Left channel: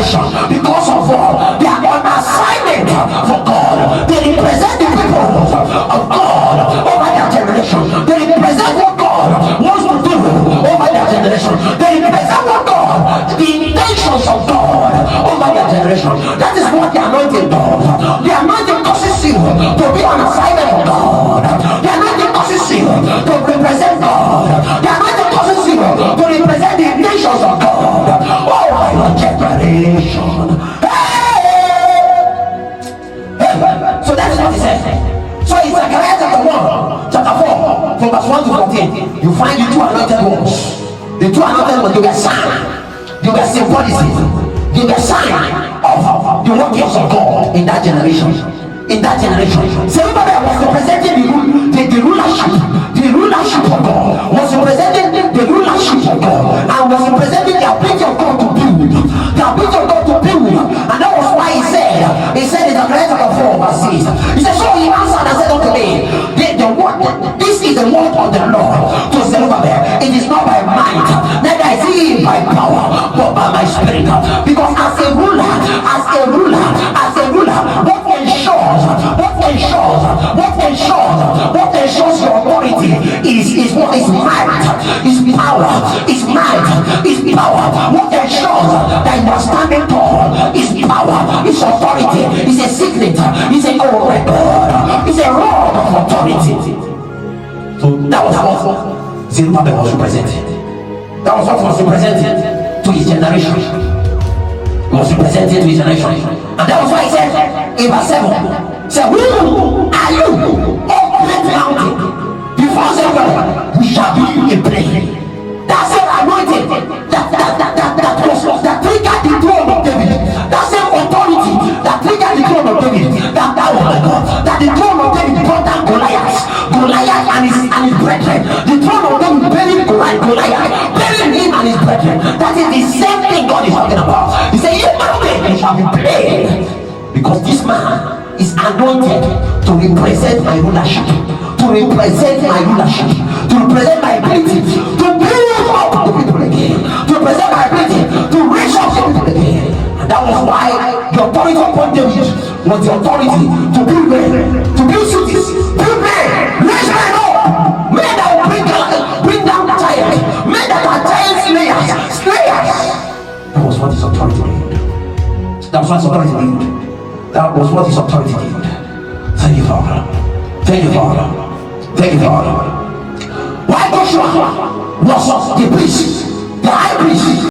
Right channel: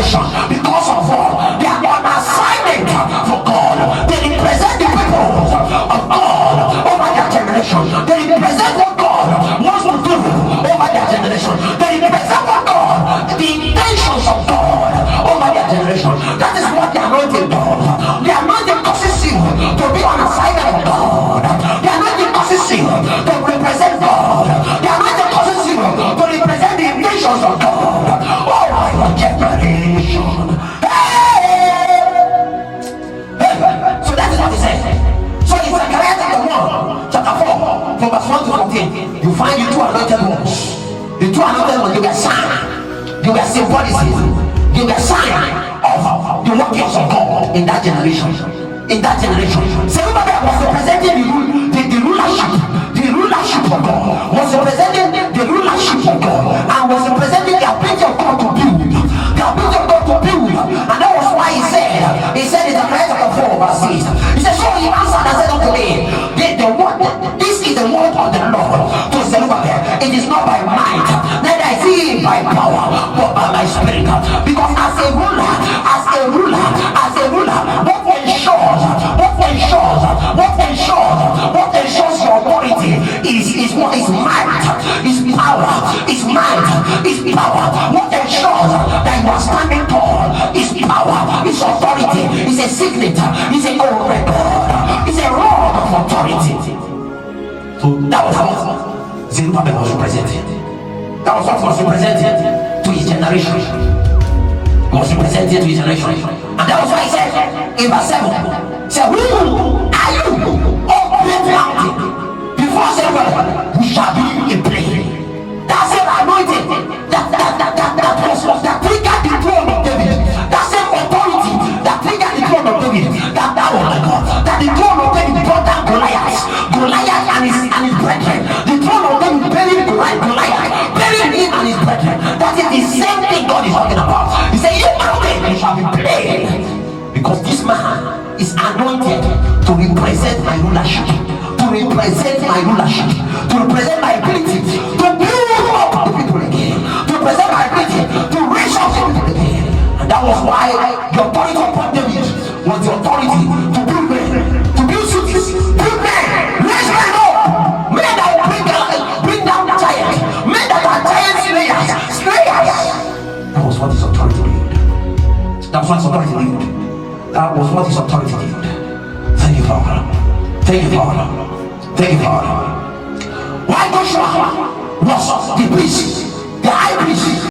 generation because of God. They are on assignment for God. They represent the people of God over their generation. They represent what God wants to do over their generation. They represent what God, the intentions of God over their generation. That is what the anointing does. The anointing causes you to be on assignment of God. The anointing causes you to represent God. The anointing causes you to represent the intentions of God. Oh my God, generation. So that is what he said. So in Zechariah chapter 1, chapter 4, from verse 1 to 14, you find the two anointed ones. The two anointed ones, they were sign. They were symbolism. They were sign of the workings of God in that generation. In that generation. Zerubbabel was representing the rulership. The rulership of God was representing the rulership of God and was representing the ability of God to build. The ability of God to build. And that was why he said in Zechariah chapter 4 verse 6, he said, so he answered and said unto me, this is the word of the Lord to Zerubbabel. It is not by might, neither is it by power, but by my spirit. Because as a ruler, what ensures your authority is what is might, is power, is might, is power. What ensures that you are standing tall is power, is authority, is a secret, is a record, is a rod of authority. So that was how Zerubbabel was represented. That was what was represented to his generation. He was represented to his generation. And that was why he said in verse 7, say, who are you, O great mountain? Before Zerubbabel, we shall be in play. That's your anointing. That triggered the throne of David. That same authority that triggered the throne of David. That the throne of David brought down Goliath and his brethren. The throne of David buried Goliath, burying him and his brethren. That is the same thing God is talking about. He said, you mountain, you shall be played. Because this man is anointed to represent my rulership, to represent my ability to build up the people again, to represent my ability to raise up the people again. And that was why the authority upon David was the authority to build men, to build cities, build men, raise men up, men that will bring down the giants, men that are giant slayers. That was what his authority did. That was what his authority did. That was what his authority did. Thank you, Father. Thank you, Father. Thank you, Father. Why Joshua was the priest, the high priest,